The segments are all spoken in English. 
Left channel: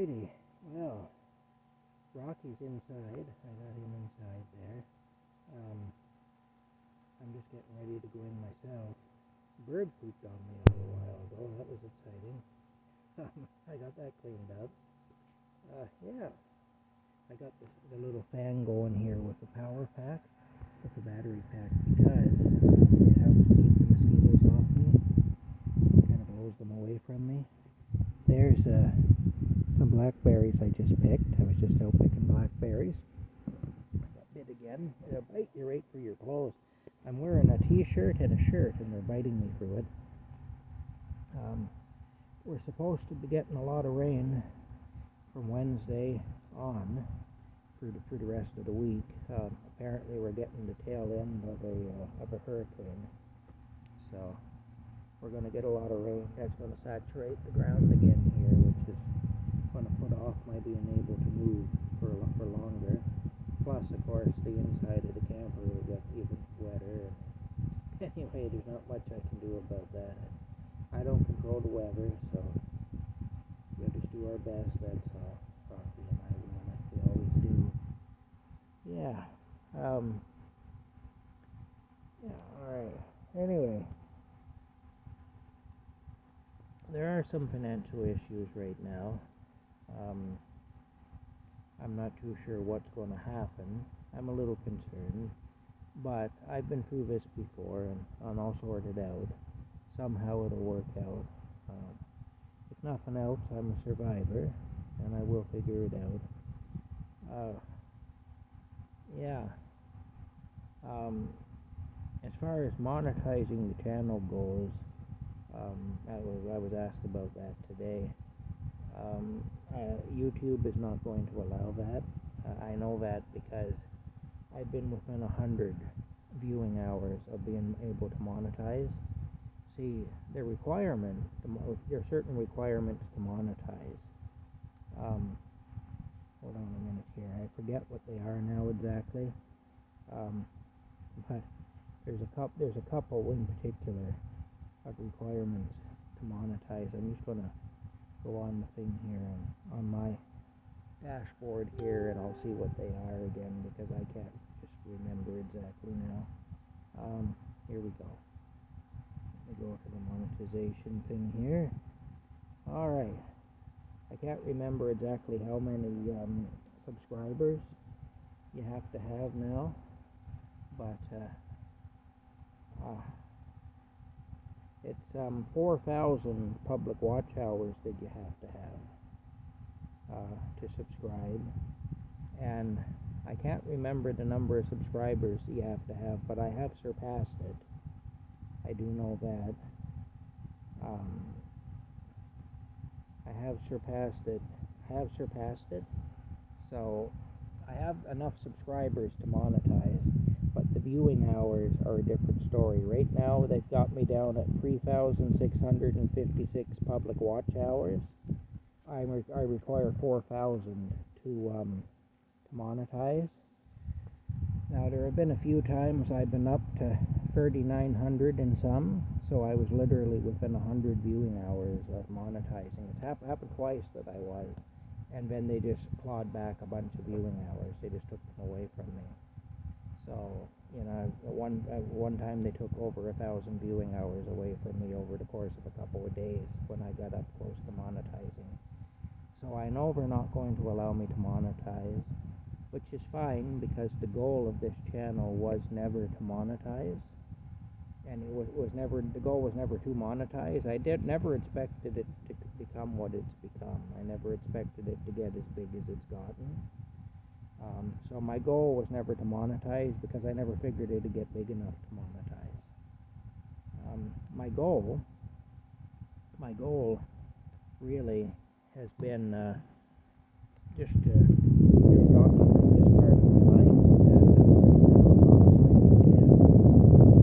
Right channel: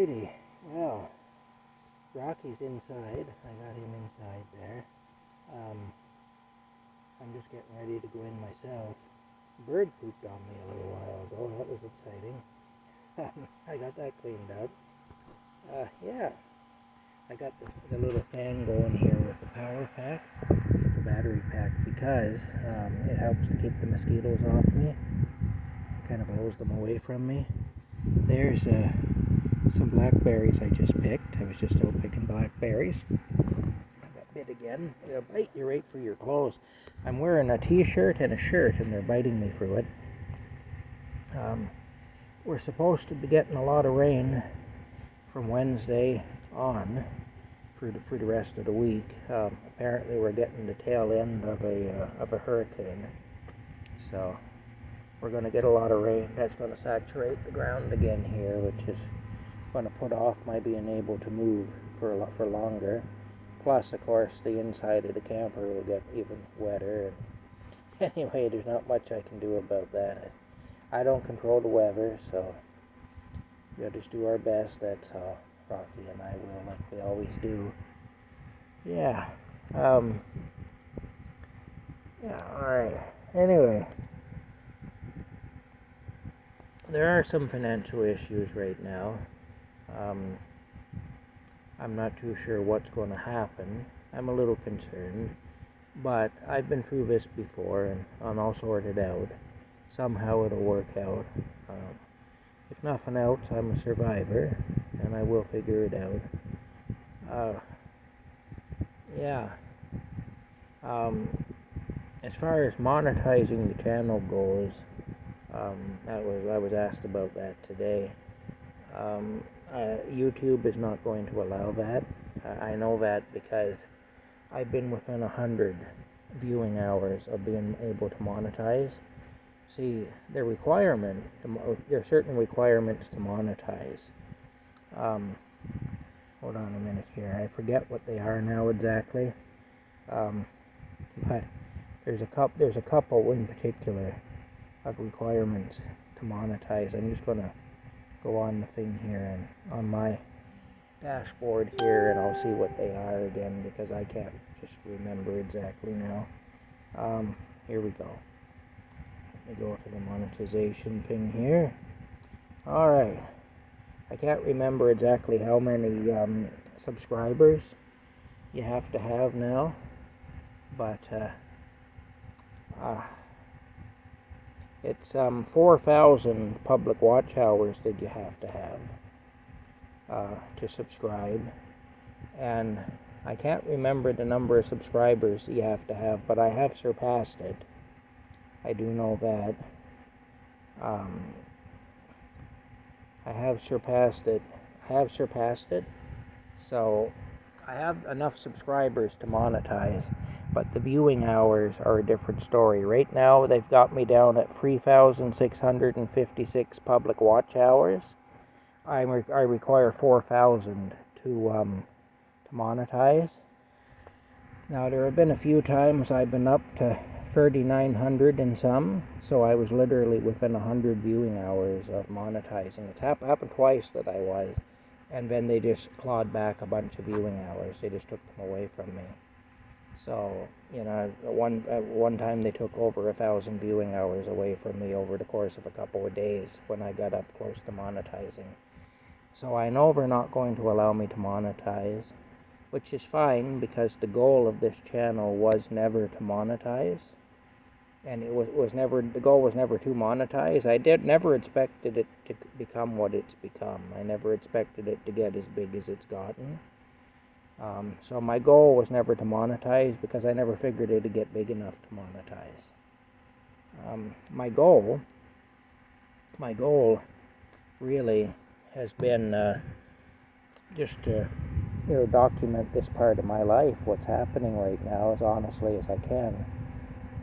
Alrighty, well, Rocky's inside. I got him inside there. I'm just getting ready to go in myself. Bird pooped on me a little while ago. That was exciting. I got that cleaned up. Yeah, I got the little fan going here with the power pack, the battery pack, because it helps to keep the mosquitoes off me. Kind of blows them away from me. There's some blackberries I just picked. I was just out picking blackberries. I got bit again. They'll bite you right through your clothes. I'm wearing a t-shirt and a shirt, and they're biting me through it. We're supposed to be getting a lot of rain from Wednesday on for the rest of the week. Apparently, we're getting the tail end of a hurricane, so we're going to get a lot of rain. That's going to saturate the ground again here, which is going to put off my being able to move for longer. Plus, of course, the inside of the camper will get even wetter. And anyway, there's not much I can do about that. I don't control the weather, so we'll just do our best. That's how Rocky and I will, like we always do. Yeah. Alright. Anyway, there are some financial issues right now. I'm not too sure what's going to happen. I'm a little concerned, but I've been through this before, and I'm all sorted out. Somehow it'll work out. If nothing else, I'm a survivor, and I will figure it out. As far as monetizing the channel goes, I was asked about that today. YouTube is not going to allow that. I know that because I've been within 100 viewing hours of being able to monetize. See, there are certain requirements to monetize. Hold on a minute here. I forget what they are now exactly. But there's a couple in particular of requirements to monetize. I'm just gonna go on the thing here and on my dashboard here, and I'll see what they are again because I can't just remember exactly now. Here we go. Let me go to the monetization thing here. Alright. I can't remember exactly how many subscribers you have to have now, but it's 4,000 public watch hours that you have to have to subscribe, and I can't remember the number of subscribers you have to have, but I have surpassed it. I do know that. I have surpassed it. So I have enough subscribers to monetize, but the viewing hours are a different story. Right now, they've got me down at 3,656 public watch hours. I require 4,000 to monetize. Now, there have been a few times I've been up to 3,900 and some, so I was literally within 100 viewing hours of monetizing. It's happened twice that I was, and then they just clawed back a bunch of viewing hours. They just took them away from me. So, at one time they took over 1,000 viewing hours away from me over the course of a couple of days when I got up close to monetizing. So I know they're not going to allow me to monetize, which is fine because the goal of this channel was never to monetize, and the goal was never to monetize. I never expected it to become what it's become. I never expected it to get as big as it's gotten. So my goal was never to monetize because I never figured it would get big enough to monetize. My goal really has been just to document this part of my life, what's happening right now, as honestly as I can,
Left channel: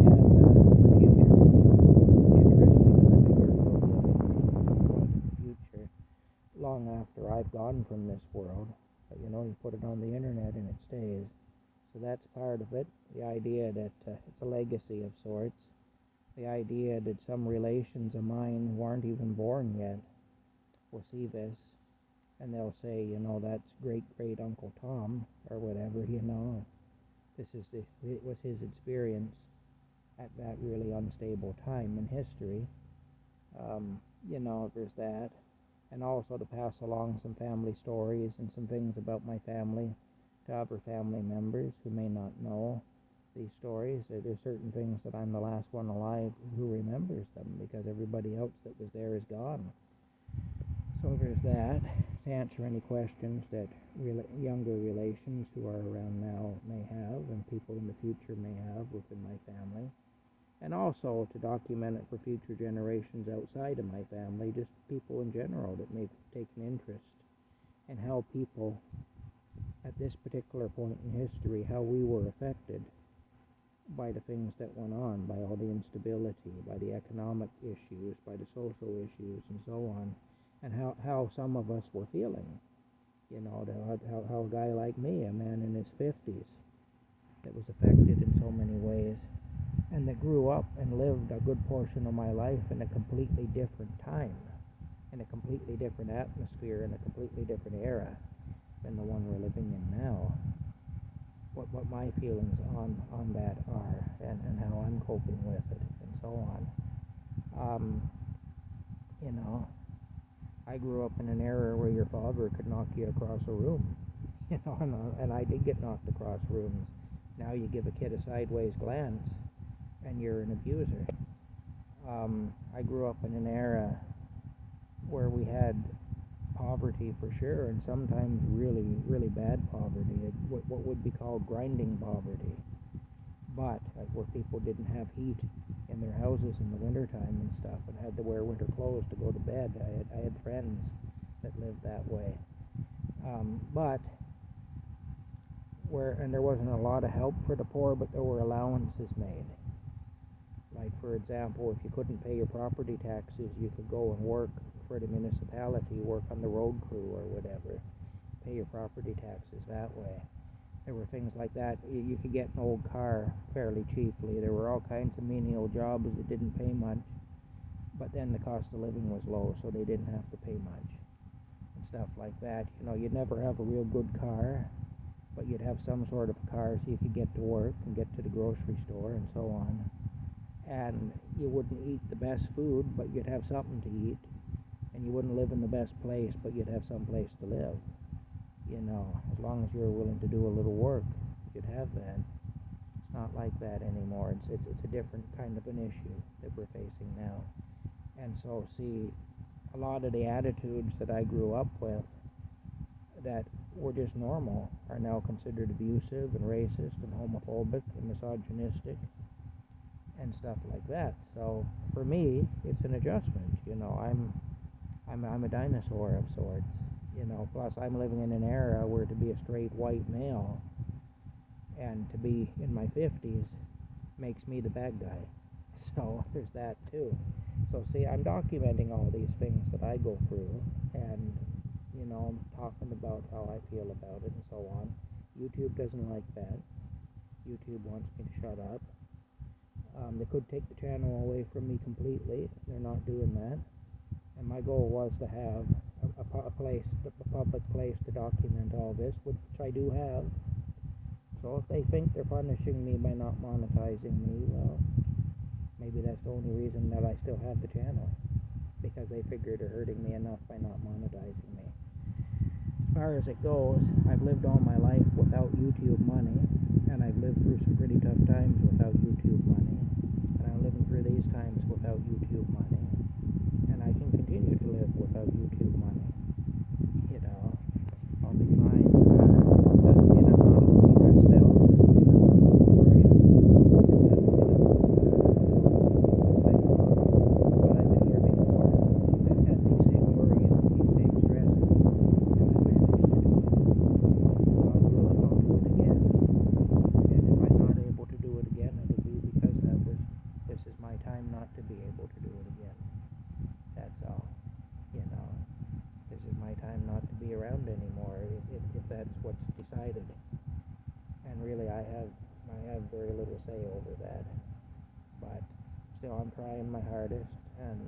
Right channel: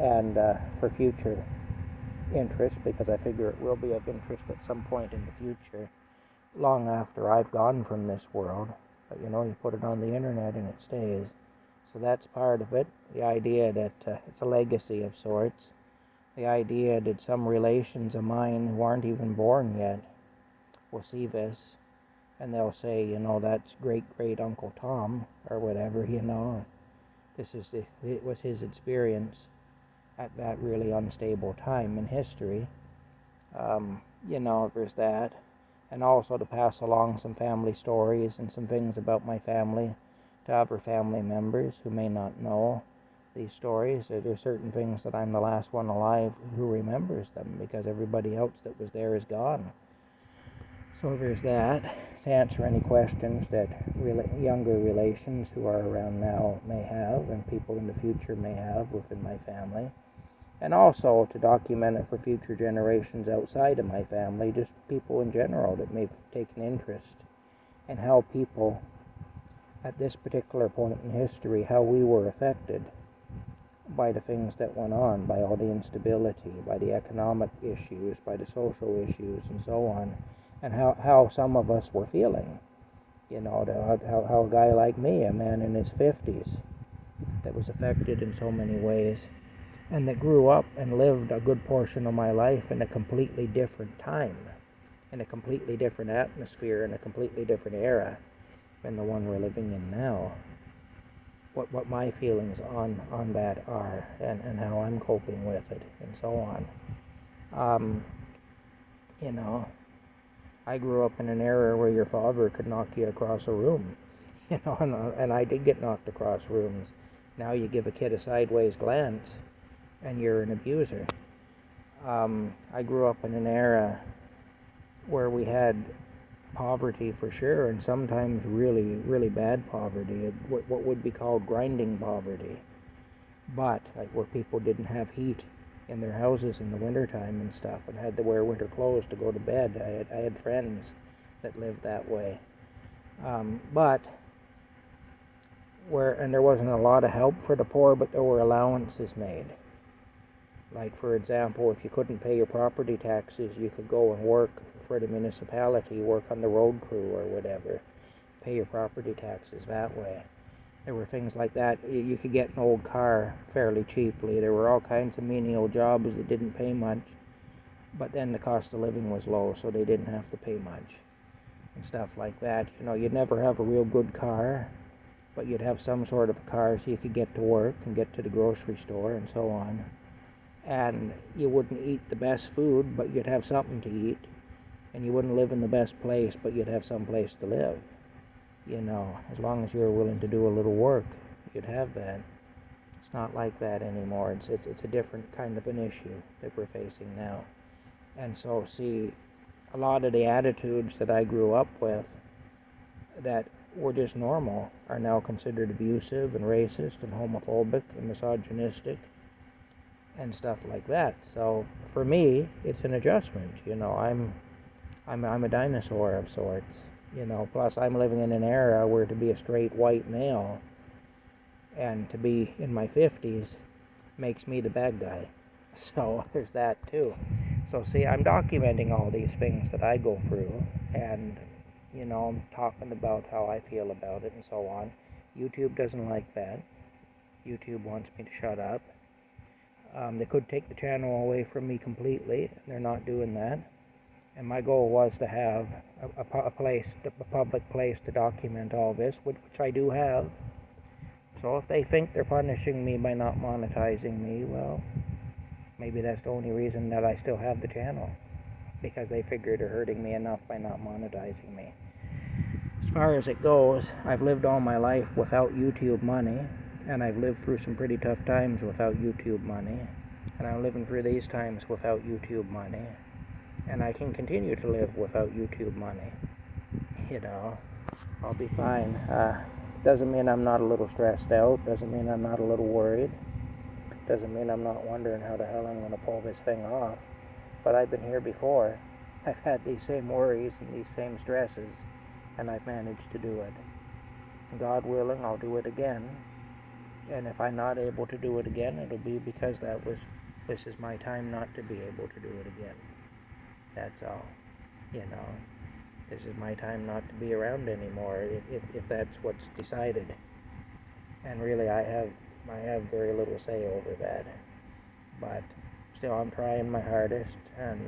and for future interest, because I figure it will be of interest at some point in the future, long after I've gone from this world. But you put it on the internet and it stays. So that's part of it. The idea that it's a legacy of sorts. The idea that some relations of mine who aren't even born yet will see this and they'll say, that's great great Uncle Tom or whatever. It was his experience at that really unstable time in history. There's that. And also to pass along some family stories and some things about my family to other family members who may not know these stories. There's certain things that I'm the last one alive who remembers them, because everybody else that was there is gone. So there's that. To answer any questions that younger relations who are around now may have, and people in the future may have within my family. And also to document it for future generations outside of my family, just people in general that may take an interest in how people at this particular point in history, how we were affected by the things that went on, by all the instability, by the economic issues, by the social issues, and so on, and how some of us were feeling. How a guy like me, a man in his 50s, that was affected in so many ways, and that grew up and lived a good portion of my life in a completely different time, in a completely different atmosphere, in a completely different era than the one we're living in now. What my feelings on that are, and how I'm coping with it, and so on. I grew up in an era where your father could knock you across a room, and I did get knocked across rooms. Now you give a kid a sideways glance, and you're an abuser. I grew up in an era where we had poverty for sure, and sometimes really, really bad poverty, what would be called grinding poverty, but where people didn't have heat in their houses in the wintertime and stuff, and had to wear winter clothes to go to bed. I had friends that lived that way, and there wasn't a lot of help for the poor, but there were allowances made. Like, for example, if you couldn't pay your property taxes, you could go and work for the municipality, work on the road crew or whatever, pay your property taxes that way. There were things like that. You could get an old car fairly cheaply. There were all kinds of menial jobs that didn't pay much, but then the cost of living was low, so they didn't have to pay much, and stuff like that. You'd never have a real good car, but you'd have some sort of a car so you could get to work and get to the grocery store and so on. And you wouldn't eat the best food, but you'd have something to eat. And you wouldn't live in the best place, but you'd have some place to live. As long as you were willing to do a little work, you'd have that. It's not like that anymore. It's a different kind of an issue that we're facing now. And so, see, a lot of the attitudes that I grew up with that were just normal are now considered abusive and racist and homophobic and misogynistic and stuff like that. So for me, it's an adjustment. I'm a dinosaur of sorts. Plus I'm living in an era where to be a straight white male and to be in my 50s makes me the bad guy. So there's that too. So see, I'm documenting all these things that I go through, and I'm talking about how I feel about it and so on. YouTube doesn't like that. YouTube wants me to shut up. They could take the channel away from me completely. They're not doing that. And my goal was to have a public place to document all this, which I do have. So if they think they're punishing me by not monetizing me, well, maybe that's the only reason that I still have the channel, because they figure they're hurting me enough by not monetizing me. As far as it goes, I've lived all my life without YouTube money, and I've lived through some pretty tough times without YouTube money, and I'm living through these times without YouTube money, and I can continue to live without YouTube money. I'll be fine. Doesn't mean I'm not a little stressed out, doesn't mean I'm not a little worried, doesn't mean I'm not wondering how the hell I'm going to pull this thing off, but I've been here before. I've had these same worries and these same stresses, and I've managed to do it. God willing, I'll do it again. And if I'm not able to do it again, it'll be because this is my time not to be able to do it again. That's all. This is my time not to be around anymore, if that's what's decided. And really, I have very little say over that. But still, I'm trying my hardest, and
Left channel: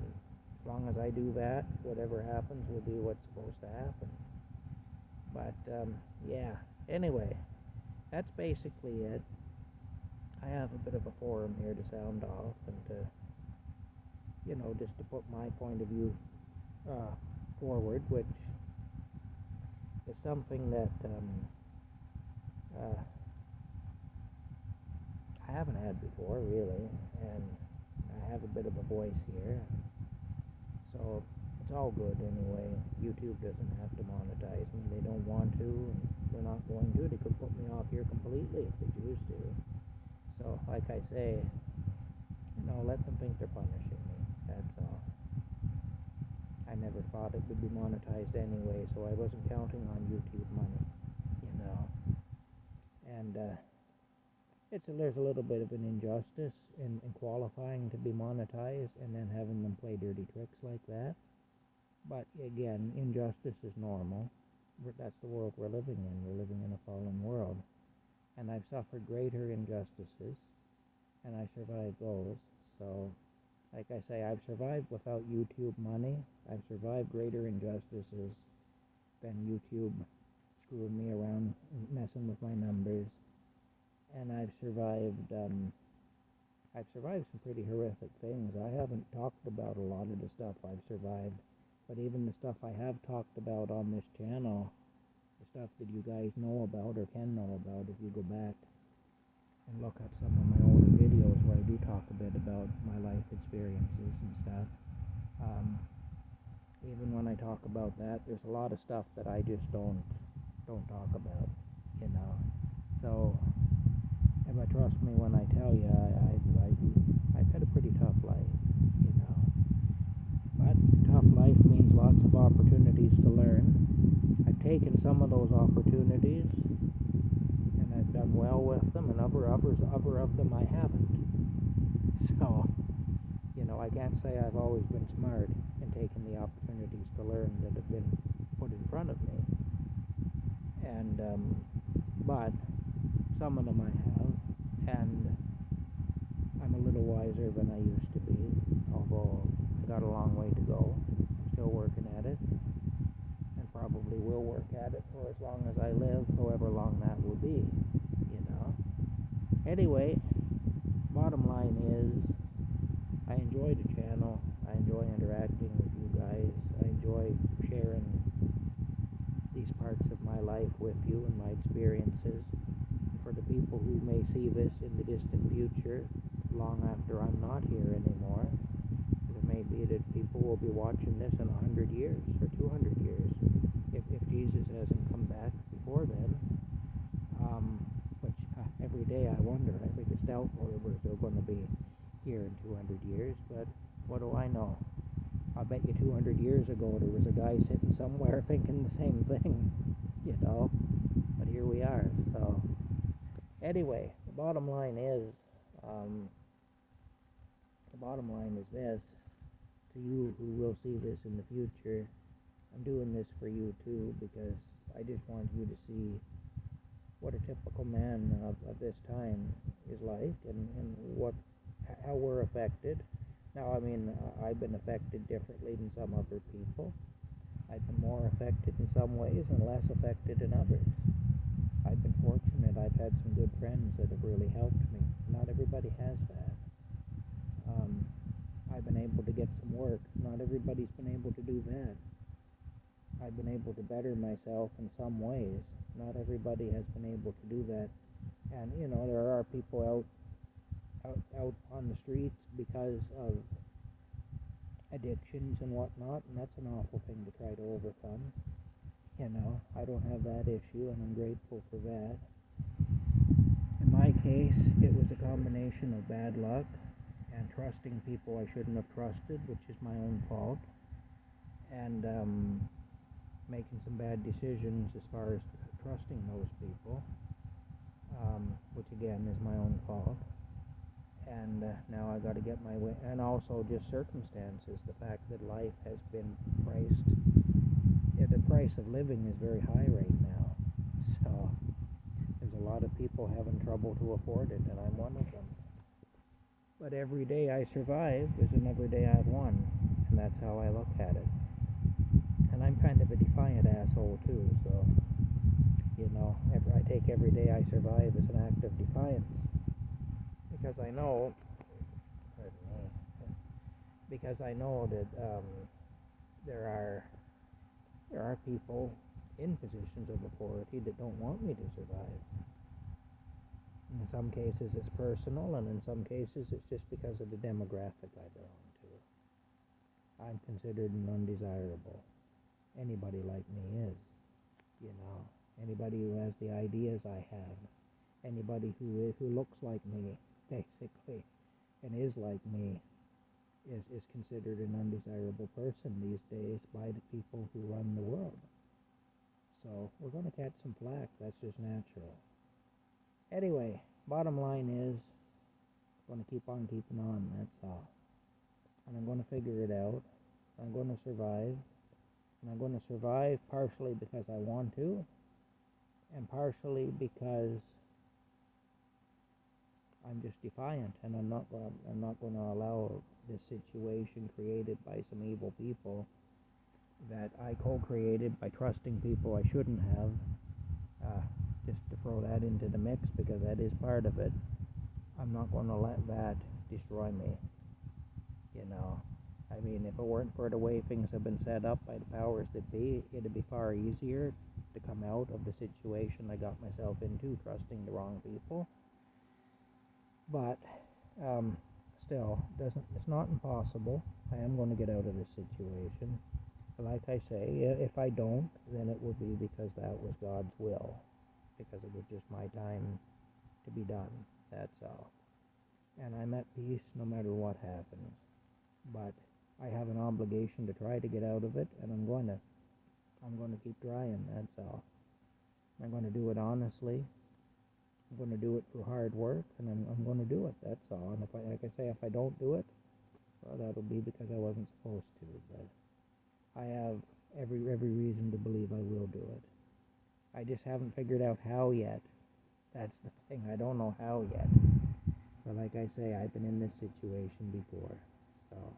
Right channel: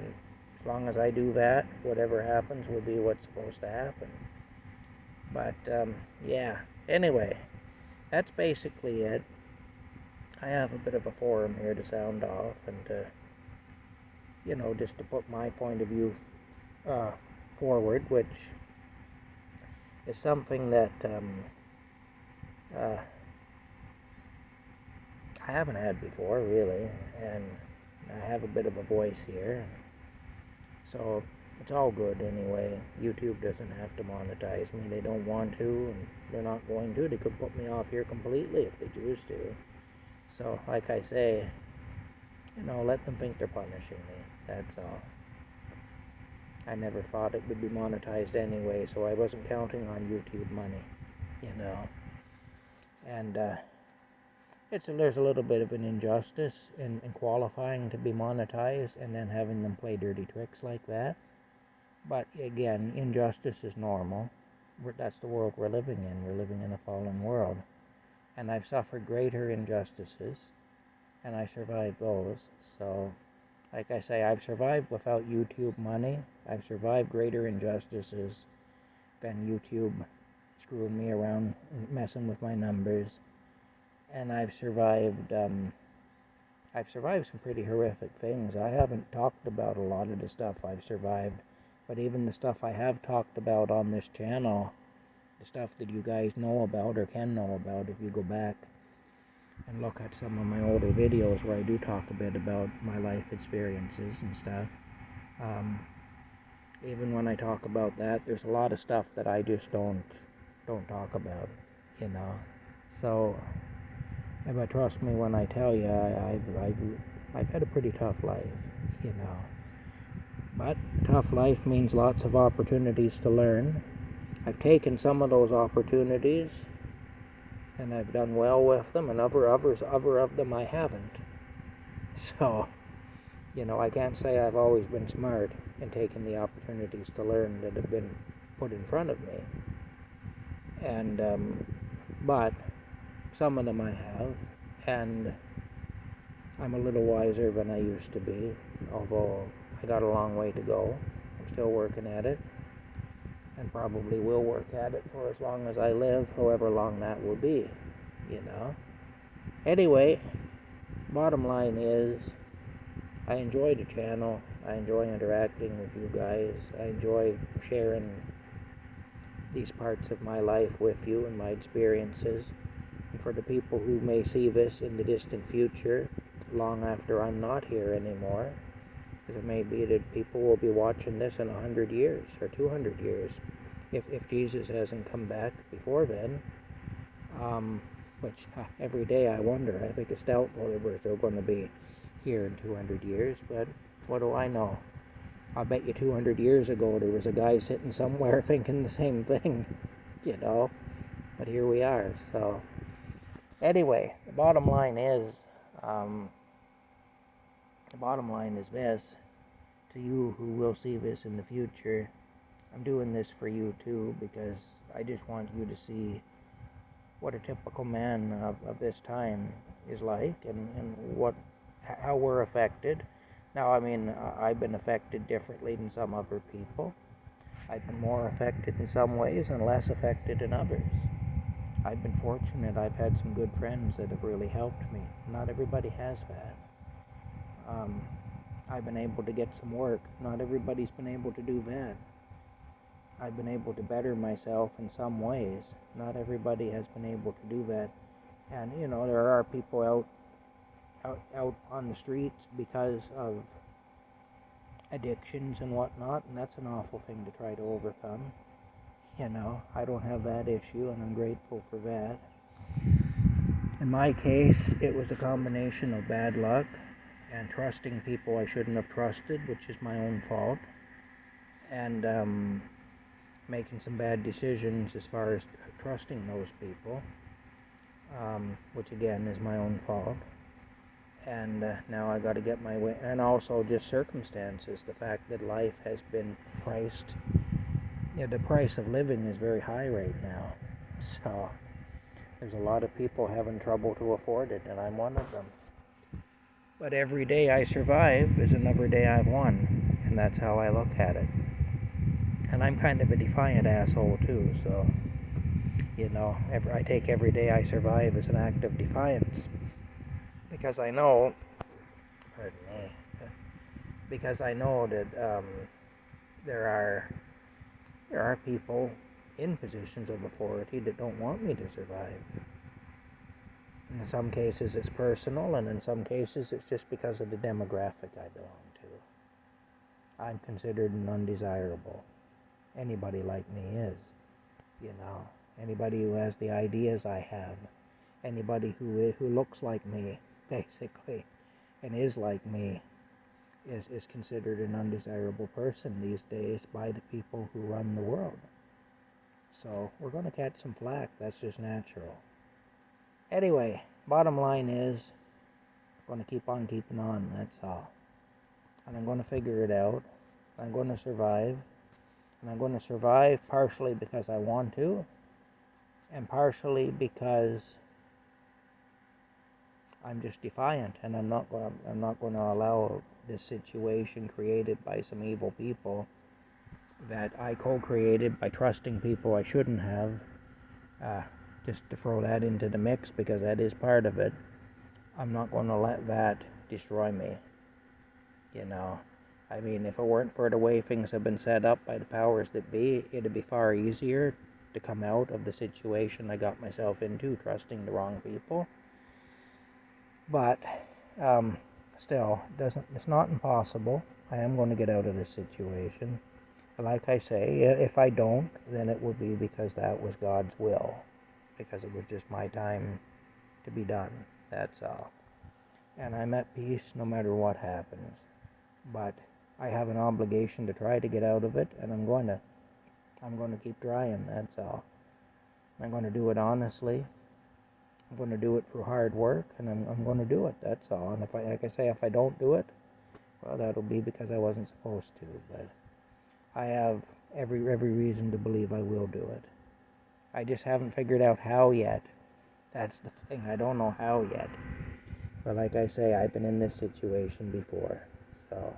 as long as I do that, whatever happens will be what's supposed to happen. But yeah, anyway, that's basically it. I have a bit of a forum here to sound off and to, just to put my point of view uh, forward, which is something that uh, I haven't had before, really, and I have a bit of a voice here, so it's all good anyway. YouTube doesn't have to monetize me. They don't want to, and they're not going to. They could put me off here completely if they choose to. So, like I say, let them think they're punishing me. That's all. I never thought it would be monetized anyway, so I wasn't counting on YouTube money, And there's a little bit of an injustice in qualifying to be monetized and then having them play dirty tricks like that. But again, injustice is normal. That's the world we're living in. We're living in a fallen world. And I've suffered greater injustices, and I survived those. So, like I say, I've survived without YouTube money. I've survived greater injustices than YouTube screwing me around, messing with my numbers. And I've survived some pretty horrific things. I haven't talked about a lot of the stuff I've survived, but even the stuff I have talked about on this channel, the stuff that you guys know about or can know about if you go back and look at some of my older videos where I do talk a bit about my life experiences and stuff. Even when I talk about that, there's a lot of stuff that I just don't talk about, So, but trust me when I tell you, I've had a pretty tough life, But tough life means lots of opportunities to learn. I've taken some of those opportunities, and I've done well with them, and other of them I haven't. So, I can't say I've always been smart in taking the opportunities to learn that have been put in front of me. And, but some of them I have, and I'm a little wiser than I used to be, although I got a long way to go. I'm still working at it, and probably will work at it for as long as I live, however long that will be, Anyway, bottom line is, I enjoy the channel. I enjoy interacting with you guys. I enjoy sharing these parts of my life with you and my experiences. And for the people who may see this in the distant future, long after I'm not here anymore, because it may be that people will be watching this in 100 years or 200 years, if Jesus hasn't come back before then, which every day I wonder. I think it's doubtful that we're still going to be here in 200 years, but what do I know? I bet you 200 years ago there was a guy sitting somewhere thinking the same thing, but here we are. So anyway, the bottom line is this: to you who will see this in the future, I'm doing this for you too, because I just want you to see what a typical man of this time is like, and how we're affected. Now, I've been affected differently than some other people. I've been more affected in some ways and less affected in others. I've been fortunate. I've had some good friends that have really helped me. Not everybody has that. I've been able to get some work. Not everybody's been able to do that. I've been able to better myself in some ways. Not everybody has been able to do that. And, there are people out on the streets because of addictions and whatnot, and that's an awful thing to try to overcome. I don't have that issue, and I'm grateful for that. In my case, it was a combination of bad luck and trusting people I shouldn't have trusted, which is my own fault, and making some bad decisions as far as trusting those people, which again is my own fault. And now I got to get my way, and also just circumstances. The fact that life has been priced, the price of living is very high right now. So there's a lot of people having trouble to afford it, and I'm one of them. But every day I survive is another day I've won, and that's how I look at it. And I'm kind of a defiant asshole too, so You know, I take every day I survive as an act of defiance. Because I know, pardon me, because I know that there are people in positions of authority that don't want me to survive. In some cases it's personal, and in some cases it's just because of the demographic I belong to. I'm considered an undesirable. Anybody like me is, you know. Anybody who has the ideas I have, anybody who looks like me, basically, and is like me, is considered an undesirable person these days by the people who run the world. So we're going to catch some flack. That's just natural. Anyway, bottom line is, I'm going to keep on keeping on. That's all. And I'm going to figure it out. I'm going to survive. And I'm going to survive partially because I want to, and partially because I'm just defiant, and I'm not going to allow this situation created by some evil people that I co-created by trusting people I shouldn't have, just to throw that into the mix, because that is part of it. I'm not going to let that destroy me. You know, I mean, if it weren't for the way things have been set up by the powers that be, it'd be far easier to come out of the situation I got myself into, trusting the wrong people. But still, it's not impossible. I am going to get out of this situation. Like I say, if I don't, then it would be because that was God's will, because it was just my time to be done. That's all. And I'm at peace no matter what happens. But I have an obligation to try to get out of it, and I'm going to keep trying. That's all. I'm going to do it honestly. I'm going to do it through hard work, and I'm going to do it. That's all. And if I don't do it, well, that'll be because I wasn't supposed to. But I have every reason to believe I will do it. I just haven't figured out how yet. That's the thing. I don't know how yet. But like I say, I've been in this situation before. So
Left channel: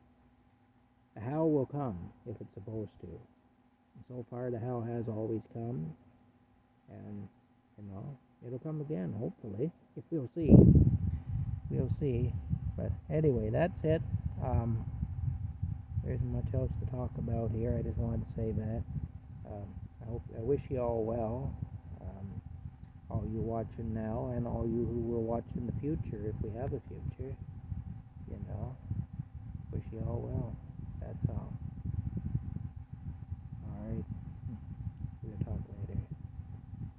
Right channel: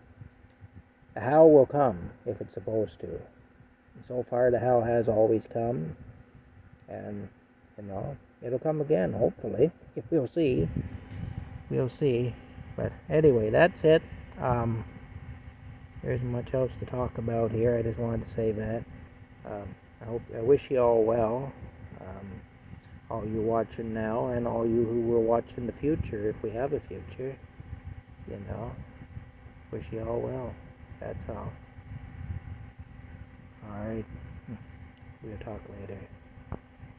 the how will come if it's supposed to. And so far, the how has always come. And, you know, it'll come again, hopefully. We'll see. We'll see. But anyway, that's it. There isn't much else to talk about here. I just wanted to say that. I wish you all well. All you watching now, and all you who will watch in the future, if we have a future. You know. Wish you all well. That's all. Alright. We'll talk later.